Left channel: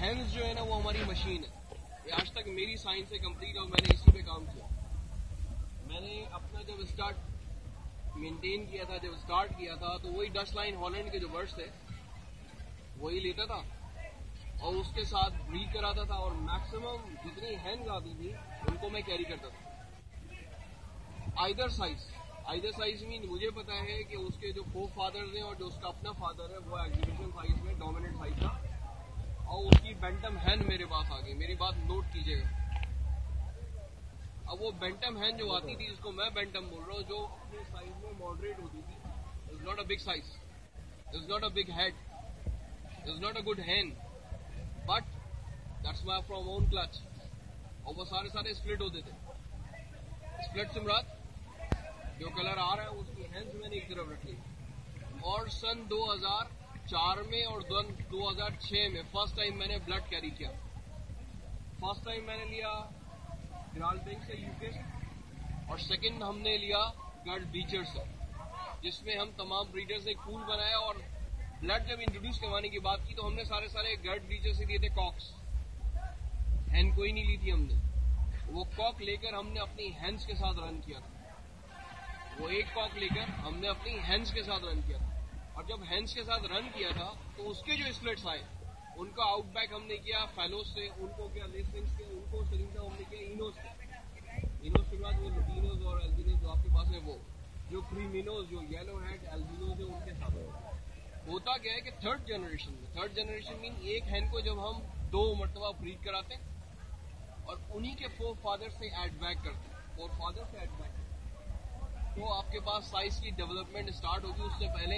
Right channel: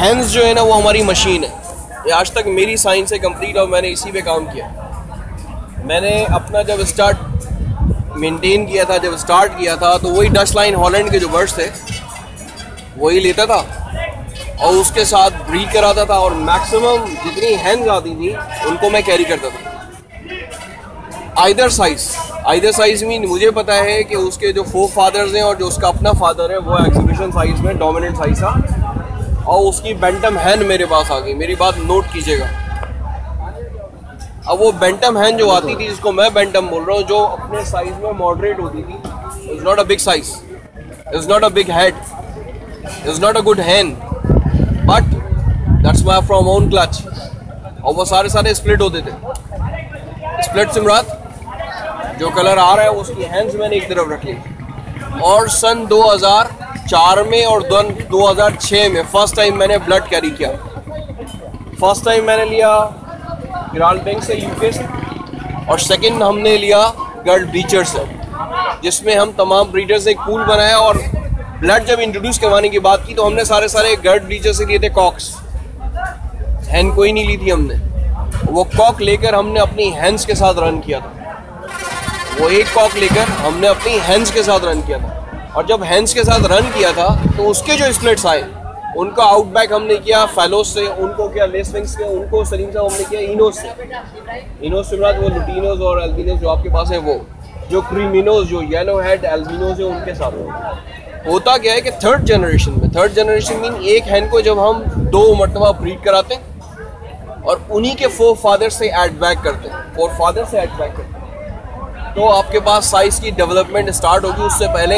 Hands जो है ना वो हमारी मशीन है। ये आज तक मेरी साइंस है कंप्लीट और मैंने इसी पे काम किया। मैंने अपना जब स्टार्ट मेंटेन किया था, जब स्टार्ट किया था तो वही डच लाइन हॉलैंड के जो बर्ड्स थे वही लेता था और उसके साथ ब्रीड कराता था और मैक्सिमम जितनी हैंड्स आती थी उनको मैं कैरी करता था। आइदर साइज में मुझे पता है कि उसके जो 4 फादर्स हैं और जो उसका अपना फादर है वो एग्जीबिशन साइज में डोमिनेंट साइज था और उसकी बैंटम हैन मेरे पास आ गई। मेरी बात नोट कीजिएगा। अब वो बैंटम हैन जो आती थी, जिसको मैं बैंटम बोल रहा हूँ, जो अपने साइज में मॉडरेट होती थी, is not a big size, is not a big head, is not a good hen, but that's my from own clutch. और वो सारे स्प्लिट होते थे। स्प्लिट सिमरात जो कलर आ रहा है उसकी हैंड्स मैंने एक तरफ रखी और सन 2004 में और 2006 में फर्स्ट टाइम मैंने ब्लड कैरी किया। फर्स्ट टाइम मैंने लिया गिराल्ड बैंक से, यूके से, और सेकंड हमने लिया गर्ड ब्रीचर से, जिसमें हम तमाम ब्रीडर्स ने एक पूल बनाया और ब्लड जब इंट्रोड्यूस करवाने की बात की तो हमने सारे गर्ड ब्रीचर से लिए थे कॉक्स। हैन कोई नहीं ली थी हमने। वो कॉक लेकर हमने अपनी हैंड्स के साथ रन किया था। वो एक कॉक लेकर हमने अपनी हैंड्स के साथ रन किया था और जब हैंड्स के साथ रन किया था तो उसके जो स्प्लिट्स आए उनका आउटबैक हमने किया फेलोस से, उनको किया लेसविंग्स से, उनको सलीम साहब हमने किया इनोस से। इनोस के बाद वो लुटिनोस और एल्बिनोस जो आपके पास है, वो जो क्रीमिनोस जो येलो हेड एल्बिनोस है उनके साथ होता क्या है कि थर्ड जनरेशन मीन एक हैन को जब हम 2 मरतबा ब्रीड कराते हैं और उन्हीं के 4 फादर से ऐड बैक करते हैं, तो आपके पास साइज की डेवलपमेंट स्टार्ट होगी। उससे पहले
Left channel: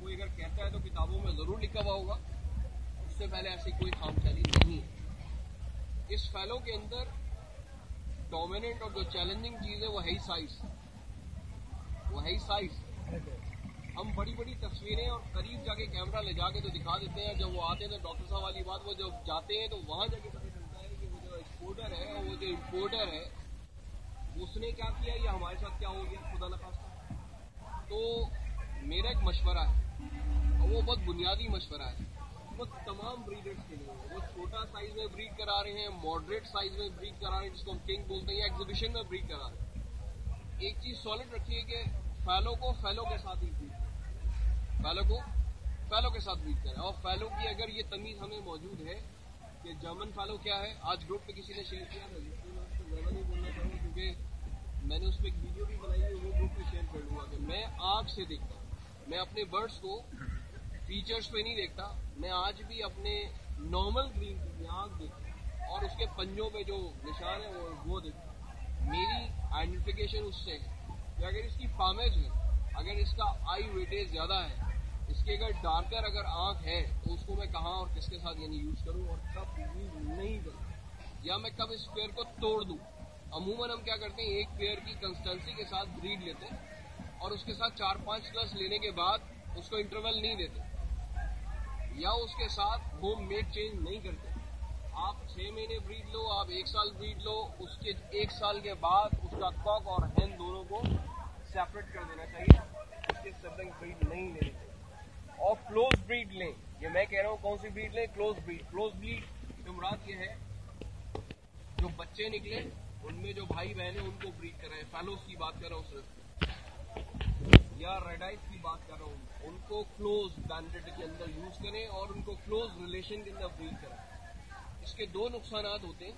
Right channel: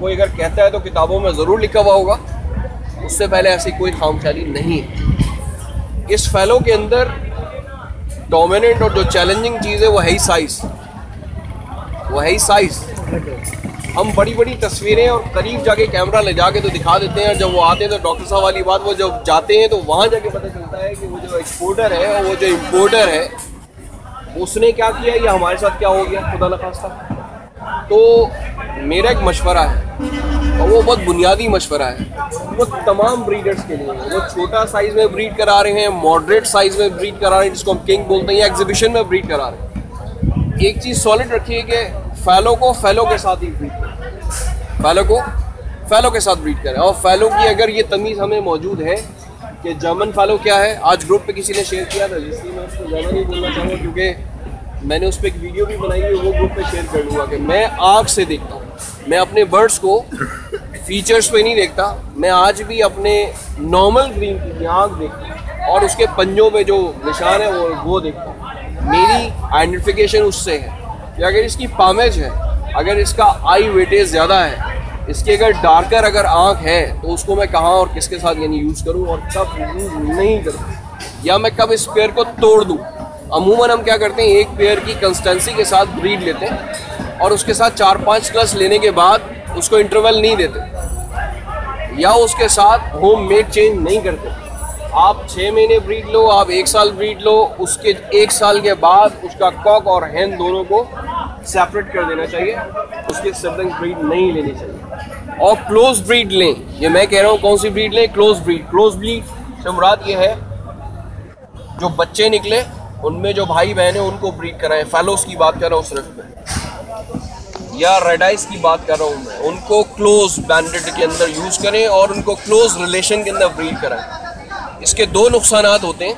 कोई अगर कहता है तो किताबों में ज़रूर लिखा हुआ होगा, उससे पहले ऐसी कोई खामख्याली नहीं है। इस फैलो के अंदर डोमिनेंट और जो चैलेंजिंग चीज़ है वो है ही साइज। हम बड़ी तस्वीरें और करीब जाके कैमरा ले जाके तो दिखा देते हैं और जब वो आते हैं तो डॉक्टर साहब वाली बात, वो जब जाते हैं तो वहाँ जाके पता चलता है कि वो जो एक्सपोर्टर है और वो जो इम्पोर्टर है उसने क्या किया या हमारे साथ क्या हो गया, खुदा न खास्ता। तो मेरा एक मशवरा है और वो बहुत बुनियादी मशवरा है, वो तमाम ब्रीडर्स के लिए है। वो छोटा साइज में ब्रीड करा रहे हैं, मॉडरेट साइज में ब्रीड करा रहे हैं जिसको हम किंग बोलते हैं, या एग्जीबिशन में ब्रीड करा रहे हैं। एक चीज़ सॉलिड रखिए कि फैलो को फैलो के साथ ही ब्रीड करें, फैलो के साथ ब्रीड करें। और फैलो की अगर ये तमीज़ हमें मौजूद है कि जर्मन फैलो क्या है, आज ग्रुप पे किसी ने शेयर किया था, जिसलिए मैं उसको ज़्यादा नहीं बोलना चाहूँगा क्योंकि मैंने उस पर एक वीडियो भी बनाई है, वो ग्रुप पे शेयर कर लूँगा कि मैं आँख से देखता हूँ। मैं अपने बर्ड्स को फीचर्स पे नहीं देखता, मैं आज भी अपने नॉर्मल ग्रीन की आँख देखता हूँ और उसके पंजों पे जो निशान है वो देखता हूँ। मेरी आइडेंटिफिकेशन उससे है कि अगर इसकी पामेज है, अगर इसका आई वेटेज ज़्यादा है, इसकी अगर डार्कर अगर आँख है तो उसको मैं कहाँ और किसके साथ यानी यूज़ करूँ और कब यूज़ नहीं करूँ, या मैं कब इस पेयर को तोड़ दूँ। अमूमन हम क्या करते हैं, एक पेयर की कंसिस्टेंसी के साथ ब्रीड लेते हैं और उसके साथ 4-5 क्लच लेने के बाद उसको इंटरवल नहीं देते या उसके साथ होम मेड चेंज नहीं करते। आप 6 महीने ब्रीड लो, आप 1 साल ब्रीड लो, उसके 1 साल के बाद उसका कॉक और हैन दोनों को सेपरेट कर देना चाहिए, उसकी सिबलिंग ब्रीड नहीं लेनी चाहिए। और क्लोज ब्रीड लें, ये मैं कह रहा हूँ कौन सी ब्रीड लें, क्लोज ब्रीड से मुराद ये है जो बच्चे निकले उनमें जो भाई बहन है उनको ब्रीड कराएं। फैलोस की बात कर रहा हूँ सिर्फ मैं, या रेड आइज की बात कर रहा हूँ मैं, उनको क्लोज बैंडेड के अंदर यूज़ करें और उनको क्लोज रिलेशन के अंदर ब्रीड कराएं। इसके 2 नुकसानात होते हैं।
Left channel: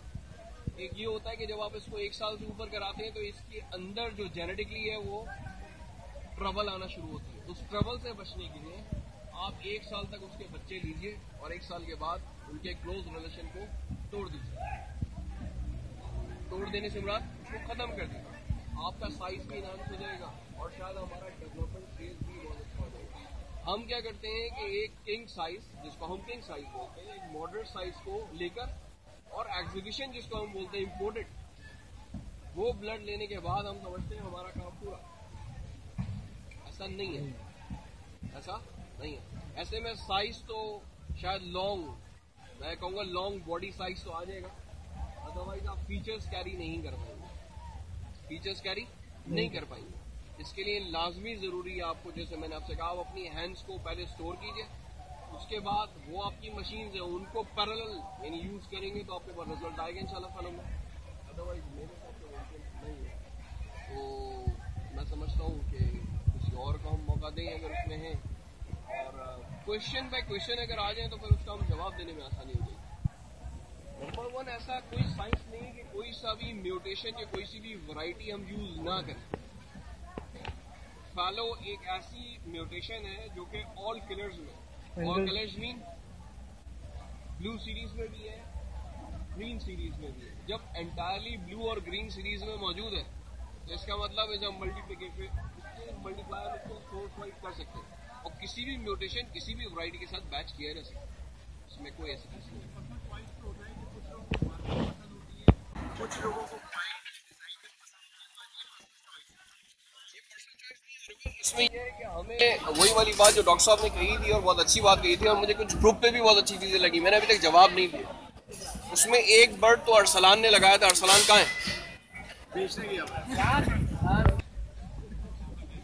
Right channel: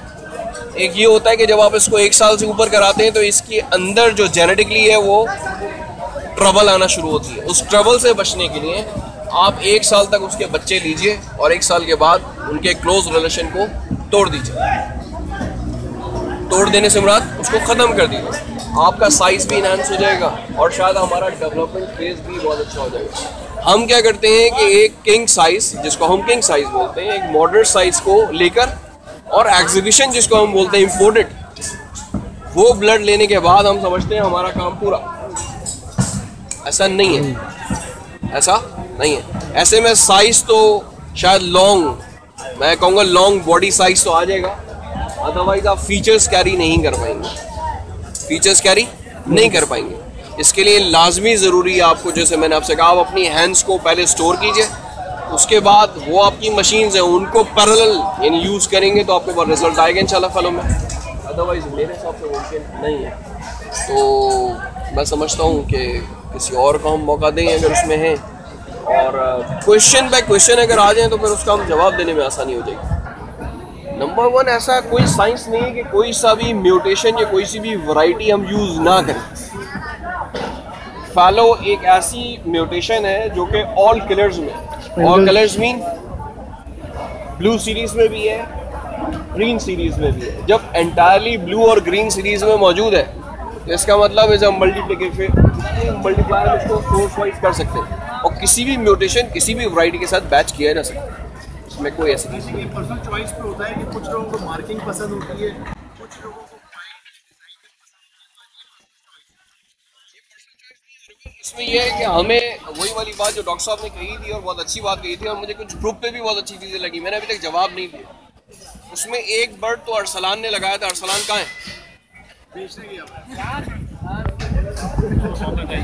एक ये होता है कि जब आप इसको 1 साल से ऊपर कराते हैं तो इसके अंदर जो जेनेटिकली है वो ट्रबल आना शुरू होती है। उस ट्रबल से बचने के लिए आप 1 साल तक उसके बच्चे लीजिए और 1 साल के बाद उनके क्लोज रिलेशन को तोड़ दीजिए। तोड़ देने से मुराद उसको ख़त्म कर दीजिए, आपका साइज़ भी इनहांस हो जाएगा और शायद हमारा डेवलपमेंट फेज भी बहुत अच्छा हो जाएगा। हम क्या करते हैं कि एक किंग साइज़, जिसको हम किंग साइज़ बोलते हैं, एक मॉडरेट साइज़ को लेकर और एग्जीबिशन जिसको हम बोलते हैं इम्पोर्टेड, वो ब्लड लेने के बाद हम समझते हैं हमारा काम पूरा। ऐसा नहीं है। ऐसे में साइज़ तो शायद लॉन्ग, मैं कहूँगा लॉन्ग बॉडी साइज़ तो आ जाएगा, अदरवाइज आप फीचर्स कैरी नहीं कर पाएंगे। इसके लिए लाजमी ज़रूरी है आपको, जैसे मैंने आपसे कहा, आप अपनी हैंड्स को पहले स्टोर कीजिए, उसके बाद वो आपकी मशीन्स हैं उनको पैरेलल यानी यूज़ करेंगे तो आपके पास रिजल्ट आएगा इंशाल्लाह फलों में, अदरवाइज़ मेरे हिसाब से मुमकिन नहीं है। तो मैं समझता हूँ कि किसी और को हम मौका दें अगर उसमें हैं, और क्वेश्चन बाय क्वेश्चन अगर आ जाएँ तो फिर उसका हम जवाब देने में आसानी हो जाएगी। नंबर वन, ऐसा कोई साइंस नहीं है कि कोई सा भी म्यूटेशन या कोई सी भी वैरायटी हम यूज़ ना करें। फैलो एक ऐसी म्यूटेशन है जो कि ऑल कलर्स में, all colours mean blue series में भी है, ग्रीन सीरीज में भी है। जब एंटायरली ब्लू और ग्रीन सीरीज में मौजूद है तो इसका मतलब इज अ मल्टीप्लायर, इसको सोर्स वाइज कर सकते हैं और किसी भी म्यूटेशन किसी भी वैरायटी के साथ बैच किया जा सकता है। इसमें कोई ऐसी नहीं, पर्सनल चॉइस पे होता है कि कुछ लोगों को मार्किंग पसंद होती है, कुछ लोगों को इसमें यह है कि हमें वही वाली बात जो डॉक्टर साहब ने कही थी और बहुत अच्छी बात कही थी, और मुझे कुछ ग्रुप पे भी बहुत अच्छी चीज़ें लगी, मैंने अभी तक जवाब नहीं दिया। उसमें एक बर्ड तो अरसलान ने लगाया था, अरसलान कहाँ है?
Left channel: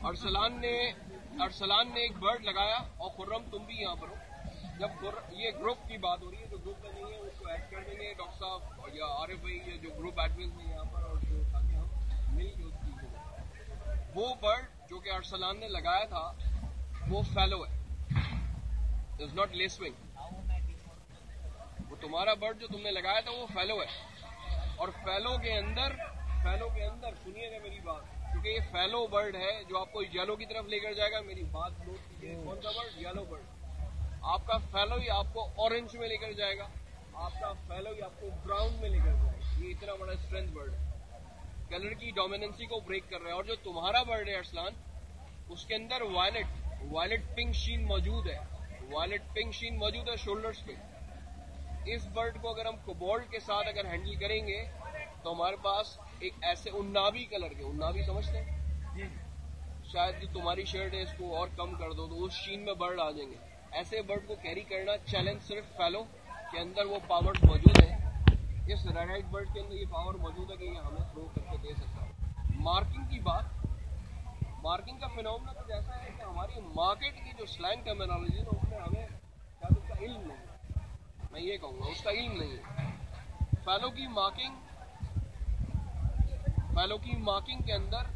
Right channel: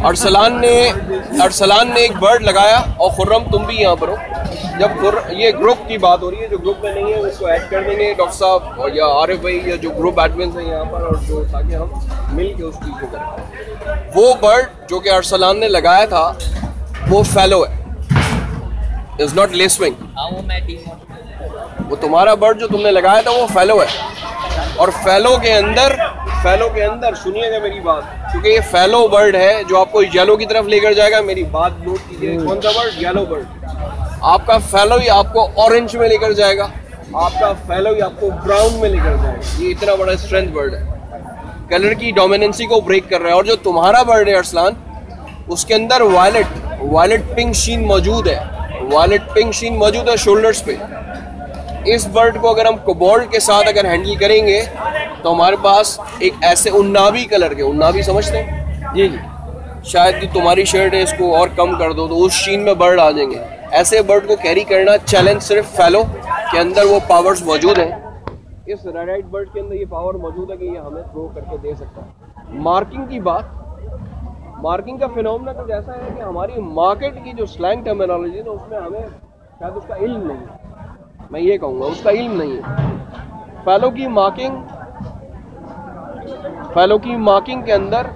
अरसलान ने एक बर्ड लगाया, और खुर्रम तुम भी यहाँ पर हो। जब ये ग्रुप की बात हो रही है, जो ग्रुप में नहीं है उसको ऐड कर देंगे डॉक्टर साहब और या आरिफ भाई या जो ग्रुप एडमिन हैं यहाँ पर, और जो ताकि हम मिल के उस चीज़ को करें। वो बर्ड जो कि अरसलान ने लगाया था वो फैलो है, इज नॉट लेसविंग। वो तुम्हारा बर्ड जो तुमने लगाया था वो फैलो है, और फैलो के अंदर सुनिएगा मेरी बात, क्योंकि ये फैलो बर्ड है जो आपको येलो की तरफ लेकर जाएगा। मेरी बात नोट कीजिए, कौन सा बर्ड? Yellow bird. आपका फैलो ही आपको ऑरेंज में लेकर जाएगा, आपका फैलो ही आपको ब्राउन में लेकर जाएगा। ये इतना बड़ा स्ट्रेंथ बर्ड है, कलर की डोमिनेंसी को ब्रेक कर रहा है। और जो तुम्हारा बर्ड है अरसलान, उसके अंदर वायलेट पिंक शीन मौजूद है, वायलेट पिंक शीन मौजूद है शोल्डर्स पे। इस बर्ड को अगर हम कोबाल्ट के साथ अगर हैंडल करेंगे तो हमारे पास एक ऐसे उन्नाबी कलर के, उन्नाबी समझते हैं जी जी, शायद कि तुम्हारी शर्ट है इसको और कम कर दो तो उस शीन में बर्ड आ जाएंगे। ऐसे बर्ड को कैरी करना चैलेंज सिर्फ फैलो के अंदर वो पावर्स मौजूद हैं। इस रेड बर्ड के अंदर ये पावर मौजूद है कि ये हमें थ्रो करके दे सकता है। मार्किंग की बात, मार्किंग का फिनोमेना कुछ ऐसा है कि हमारी मार्केट की जो स्लैंग टर्मिनोलॉजी है ना, उसमें हमें शायद उसका इल्म नहीं है, मैं ये कहूँगा उसका इल्म नहीं है। फैलो की मार्किंग के अंदर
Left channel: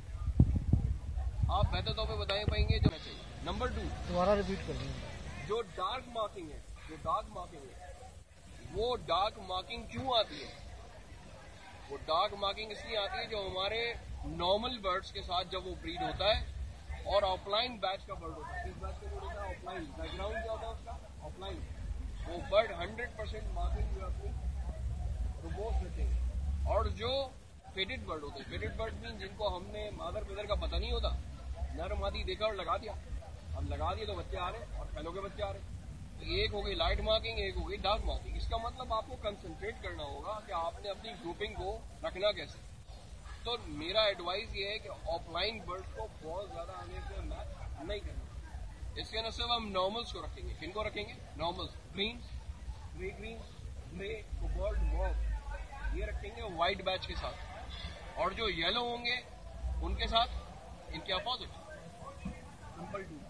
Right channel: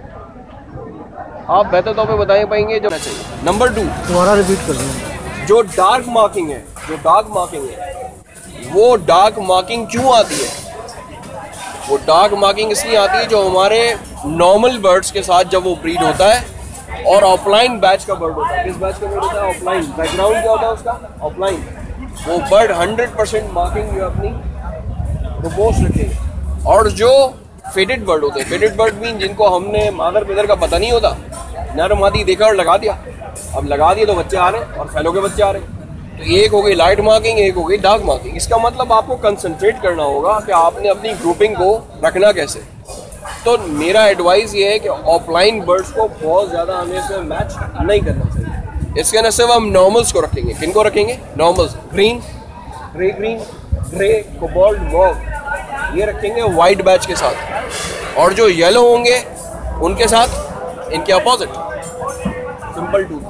आप बेहतर तौर पे बताए पाएंगे जो चाहिए। नंबर 2, दोबारा रिपीट कर दें। जो डार्क मार्किंग है, वो डार्क मार्किंग क्यों आती है? वो डार्क मार्किंग इसलिए आती है जो हमारे नॉर्मल बर्ड्स के साथ जब वो ब्रीड होता है और ऑफलाइन बैच का बर्ड होता है। किस बैच का बर्ड होता है? ऑफलाइन। बैकग्राउंड क्या होता है उसका? ऑफलाइन। वो बर्ड 100% मार्किंग जो अपनी प्रोपोज रखेगा। और जो फेडेड बर्ड होते हैं, फेडेड बर्ड मीन जिनको हमने मादर पिदर का पता नहीं होता, नर मादी देखा और लगा दिया, अब लगा दिए तो बच्चे आ रहे हैं और फैलो के बच्चे आ रहे हैं। तो एक हो गई लाइट मार्किंग, एक हो गई डार्क मार्किंग। इसका मतलब आपको कंसंट्रेट करना होगा कि आपने अपनी ग्रुपिंग को रखना कैसे। तो मेरा एडवाइस ये है कि ऑफलाइन बर्ड्स को बहुत ज़्यादा हमें इसमें मैच नहीं करना चाहिए। इसके न सिर्फ हम नॉर्मल्स को रखेंगे। किन को रखेंगे? Normals, green, grey, cobalt, mauve, ये रखेंगे वाइट बैच के साथ, और जो येलो होंगे उनके साथ इनके अपोजिट। सिंपल टू,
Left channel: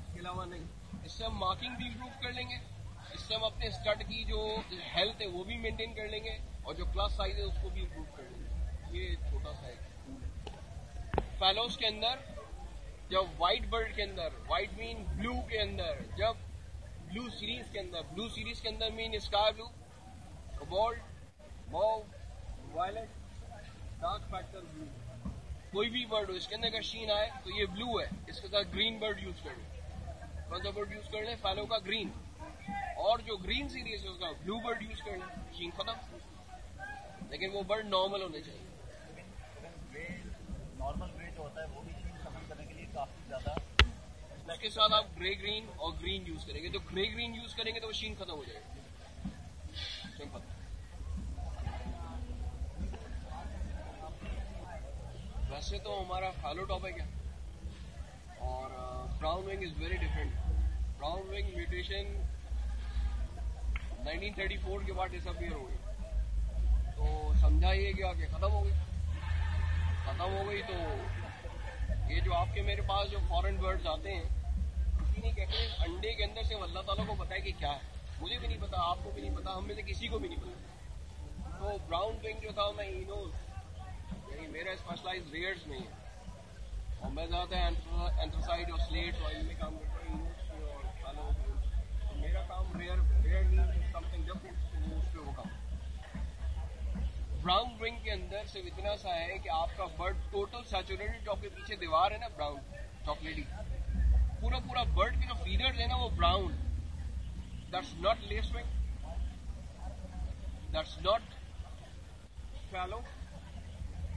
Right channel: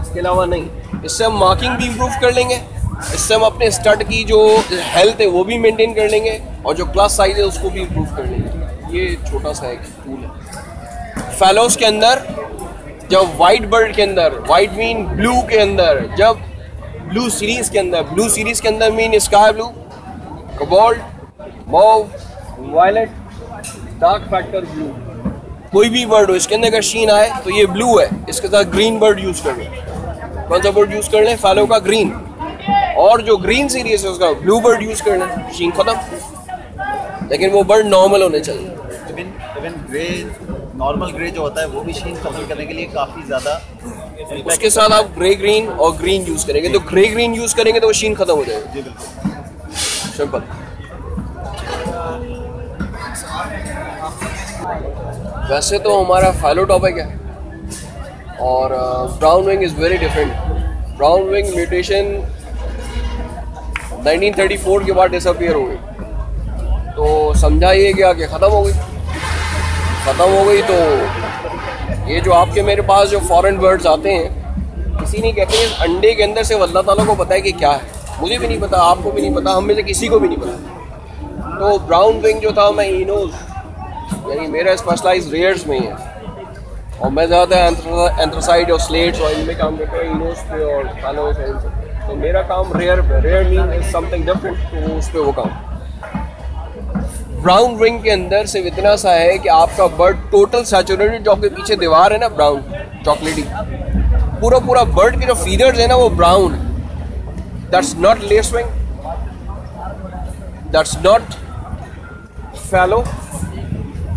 इसके अलावा नहीं। इससे हम मार्किंग भी इम्प्रूव कर लेंगे, इससे हम अपने स्टड की जो हेल्थ है वो भी मेंटेन कर लेंगे, और जो क्लास साइज है उसको भी इम्प्रूव कर लेंगे। ये छोटा सा एक टूल है। फैलोस के अंदर जब वाइट बर्ड के अंदर, वाइट मीन ब्लू के अंदर, जब ब्लू सीरीज के अंदर mean sky blue, cobalt, mauve, violet, dark factor blue, कोई भी बर्ड हो इसके अंदर अगर शीन आए तो ये ब्लू है, इसके साथ ग्रीन बर्ड यूज कर लें। कौन सा बर्ड यूज कर लें? फैलो का ग्रीन। और जो ग्रीन सीरीज है उसका ब्लू बर्ड यूज कर लें, शीन खत्म। लेकिन वो बर्ड नॉर्मल होने चाहिए। इवन ग्रे, नॉर्मल ग्रे जो होता है वो भी शीन खत्म करने के लिए काफ़ी ज़्यादा, उसके साथ आप ग्रे ग्रीन और ग्रीन यूज करेंगे तो ग्रे ग्रीन यूज करेंगे तो वो शीन खत्म हो जाएगा। जी बिल्कुल, सिंपल। वैसे तो हमारा फैलो टॉपिक है, और brown wing is very different. Brown wing mutation 1934 के बाद डिसअपियर हो गई, तो समझा ये गया कि ख़त्म हो गई। तो ये जो आपके मेरे पास जो फॉरेन बर्ड्स आते हैं किसी नहीं कहते इस अंडे के अंदर से अल्लाह ताला को पता है कि क्या है, मुझे भी नहीं पता, आपको भी नहीं पता, हम में से किसी को भी नहीं पता। तो ब्राउन विंग जो था मैं इनोज यानी मेरा स्पेशलाइज रेयर्स में ही है और मैं ज़्यादा एंथ्रासाइड और स्लेट्स और इनमें काम करता हूँ, इनोज पे और फैलोस और इन सब। तो मेरा काम रेयर पे, rare mean is something different, तो उस पर वो काम। ब्राउन विंग के अंदर सिर्फ इतना सा है कि आपका बर्ड टोटल सैचुरेटेड, जो आपके पीछे दीवार है ना ब्राउन चॉकलेटी, पूरा पूरा बर्ड के जो फीदर्स है ना वो ब्राउन है। That's not lacewing, that's not fallow,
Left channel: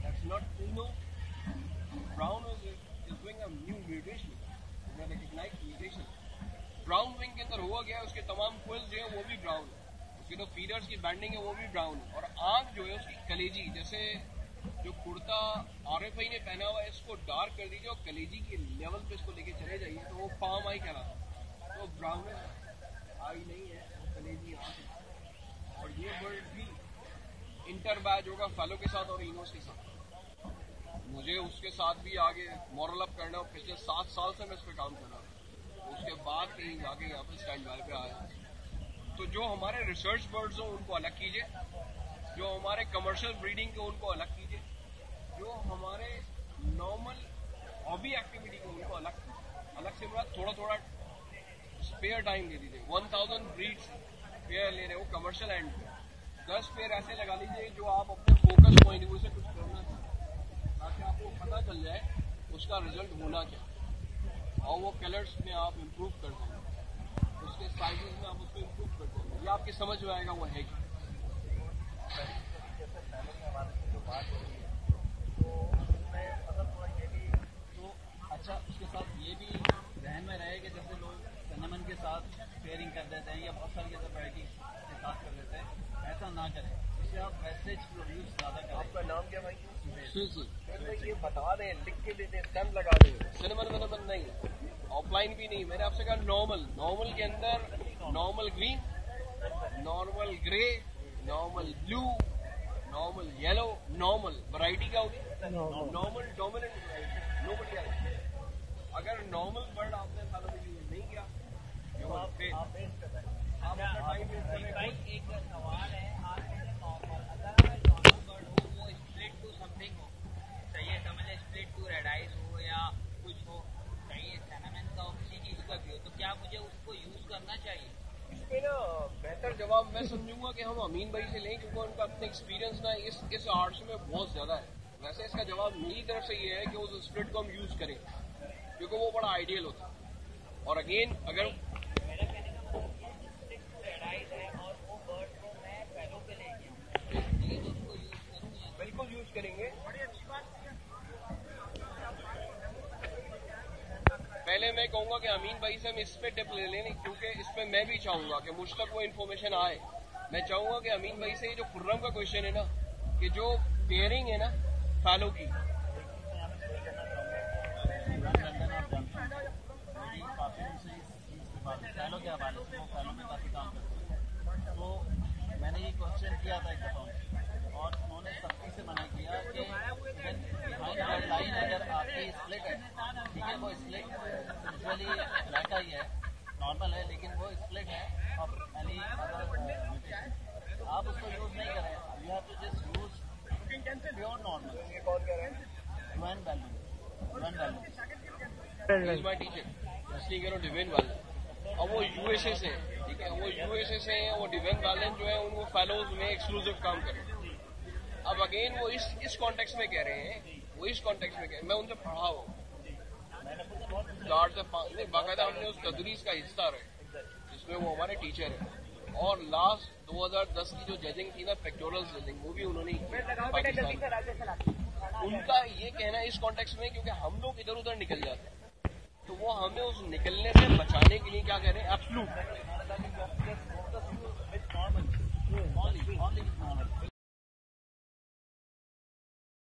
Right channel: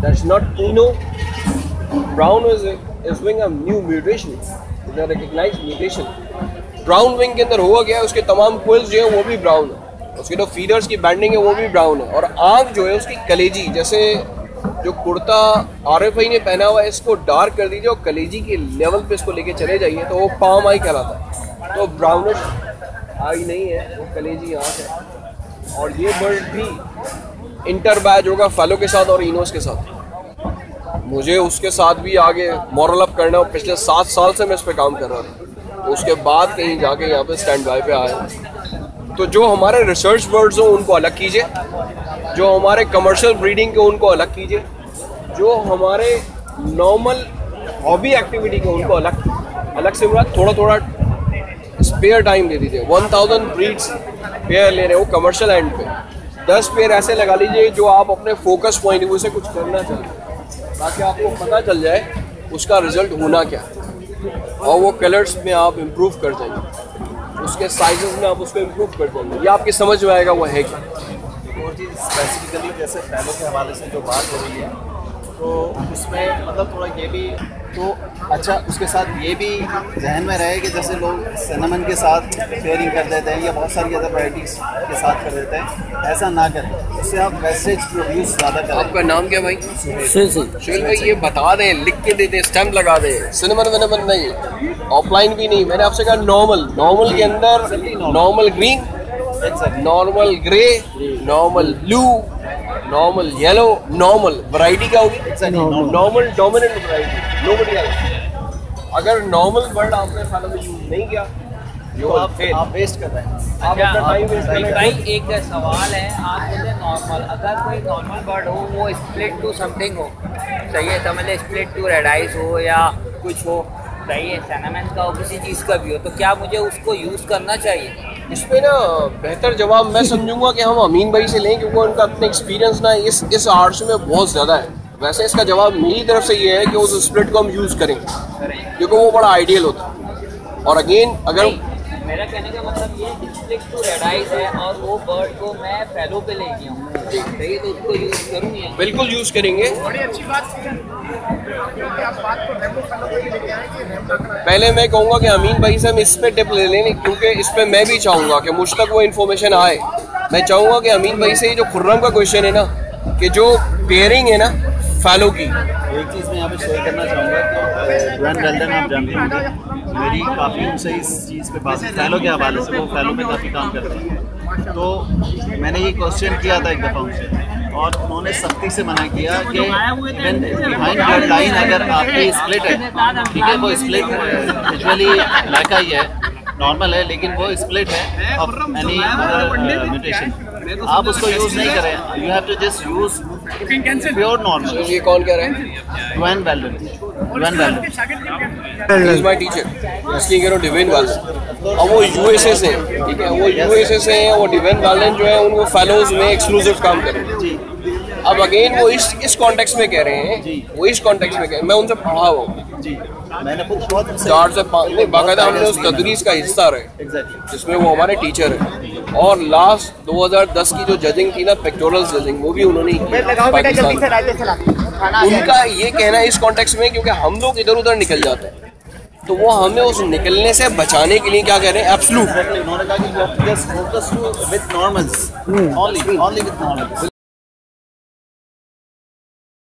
that's not ino. Brown is wing a new mutation, is a recognized mutation. Brown wing के अंदर हुआ गया है, उसके तमाम क्विल्स जो है वो भी ब्राउन है, उसके जो फीडर्स की बैंडिंग है वो भी ब्राउन है, और आँख जो है उसकी कलेजी, जैसे जो कुर्ता RFI ने पहना हुआ है इसको डार्क कर दीजिए और कलेजी के लेवल पे इसको लेके चले जाइए तो वो पाम आई कहलाता है। तो ब्राउनिश आई नहीं है, वो कलेजी आँख है। और ये बर्ड भी इंटर बैच होगा फैलो के साथ और इनोस के साथ। मुझे उसके साथ भी आगे मॉरल अप करना, पिछले 7 साल से मैं इस पर काम कर रहा था, उसके बाद कहीं जाके यहाँ पे स्टैंड बाय पे आया। तो जो हमारे रिसर्च बर्ड्स हो उनको अलग कीजिए, जो हमारे कमर्शियल ब्रीडिंग के उनको अलग कीजिए, जो हमारे नॉर्मल हॉबी एक्टिविटी के उनको अलग से थोड़ा थोड़ा स्पेयर टाइम दे दीजिए। 1000 ब्रीड्स पेयर ले रहे हो कमर्शियल एंड पे, 10 पेयर ऐसे लगा लीजिए जो आप अपने फोकस पॉइंट व्यू से कुछ करना चाहते हैं, ताकि आपको पता चल जाए उसका रिजल्ट होना क्या है, और वो कलर्स में आप इम्प्रूव कर जाएंगे, उसके साइजेस में आप उसको इम्प्रूव कर जाएंगे, ये आपकी समझ में आएगा वो है क्या। और चीज़ स्पेसिफिकली जैसे फैलो के हवाले से जो बात हो रही है, तो उसमें मतलब थोड़ा ये भी तो अच्छा, उसके साथ ये भी जहन में रहे कि जैसे लोग सिनेमन के साथ पेयरिंग कर देते हैं या बहुत सारी अदर वैराइटीज़ के साथ कर देते हैं, ऐसा ना करें, उससे आप वेस्टेज प्रोड्यूस ज़्यादा करें। आपका नाम क्या भाई? सुहेल भाई, ये बता दें, लिख के दे दें, स्टैम्प लगा दें, सिनेमन विनेमन नहीं, ऑफलाइन भी नहीं। मैंने आपसे कहा नॉर्मल के अंदर normal green, normal grey, normal blue, normal yellow, normal variety क्या होगी? Normal dominant variety, nobody else. अगर नॉर्मल बर्ड आपने खाना में यूज नहीं किया, जो आप वेस्ट कर रहे हैं, आप अपना टाइम वेस्ट कर रहे हैं। भाई एक सवाल है, आप बोले नॉर्मल, अगर कोई नॉर्मल बर्ड हो वो स्प्लिट टू समथिंग हो, सही है, समझ ले स्प्लिट टू रेड आइज हो या कुछ हो, सही है, सिनेमन का हो, किसी चीज़ का भी हो, तो क्या मुझे उसको यूज़ करना चाहिए? इसमें ना बेहतर जवाब मैं समझूंगा कि हम अमीन भाई से लें, क्योंकि उनका अपना एक्सपीरियंस ना इस आर्ट्स में बहुत ज़्यादा है। वैसे इसका जवाब मेरी तरफ से ये है कि उस स्प्लिट को हम यूज़ करें, क्योंकि वो बड़ा आइडियल होता है। और अगेन अगर मेरा कहने का मतलब ये स्प्लिट टू रेड आइज है और वो बर्ड को मैं फैलो पे ले गया हूँ, सही है, तो उसको यूज़ करूँगी? बिल्कुल यूज़ करेंगे। बड़ी अच्छी बात क्योंकि आप बात को रेमो फैलो पे ही लेके आए कि रेमो का पहले मैं कहूँगा कि अमीन भाई से हम इस पे टिप ले लें, क्योंकि इस पे मैं भी चाहूँगा कि मुझ तक वो इन्फॉर्मेशन आए। मैं चाहूँगा कि अमीन भाई से जो खुर्रम का क्वेश्चन है ना, कि जो पेयरिंग है ना फैलो की, एक चीज़ मैं यहाँ पे शेयर करना चाहूँगा कि ड्वेन वेल्डन आप जानते होंगे, मेरी काफ़ी उनसे इस चीज़ पे बात फैलो के हवाले से, वो फैलो पे काफ़ी काम करते हैं। तो मैंने ये क्वेश्चन किया था एक दफ़ा उनसे, और उन्होंने सख्ती से मना किया कि बिहाइंड योर लाइन अगर आपकी स्प्लिट है, ठीक है, वो स्प्लिट यूजुअली लाइका ही है, नॉर्मल है, लेकिन वो स्प्लिट है ऑफ एनी म्यूटेशन, आप उसको यूज़ नहीं करें, you have to just use pure normal. ये कौन कह रहे हैं? Dwayne Weldon is my teacher, इसलिए कह रहा हूँ डिवेन वेल्डन। अब वो USA से हैं, ठीक है, वो USA से हैं, वो डिवेन वेल्डन जो है उनको फैलोज में एक्सक्लूसिव काम कर रहे हैं। अब अगेन वो इस कॉन्टेक्स्ट में कह रहे हैं, वो इस कॉन्टेक्स्ट में कह रहे हैं, मैं उनसे पढ़ा हुआ हूँ जी, मैंने खुद बहुत 4 से 5 नहीं, बाकायदा हमने उस तदरीस का हिस्सा रहे, जिसमें वो हमारे टीचर हैं। और लास्ट 2010 की जो जजिंग थी ना, पेक्टोरल जजिंग, वो भी उन्होंने पाकिस्तान, उनका ये कहना है इस कॉन्टेक्स्ट में, क्योंकि हम लोग इधर उधर निकल जाते हैं, तो वो हमें उस निकलने से बचाने के लिए क्या कह रहे हैं? एब्सोल्यूट, उन्होंने कहा कि you have to just focus with normals, only with normals।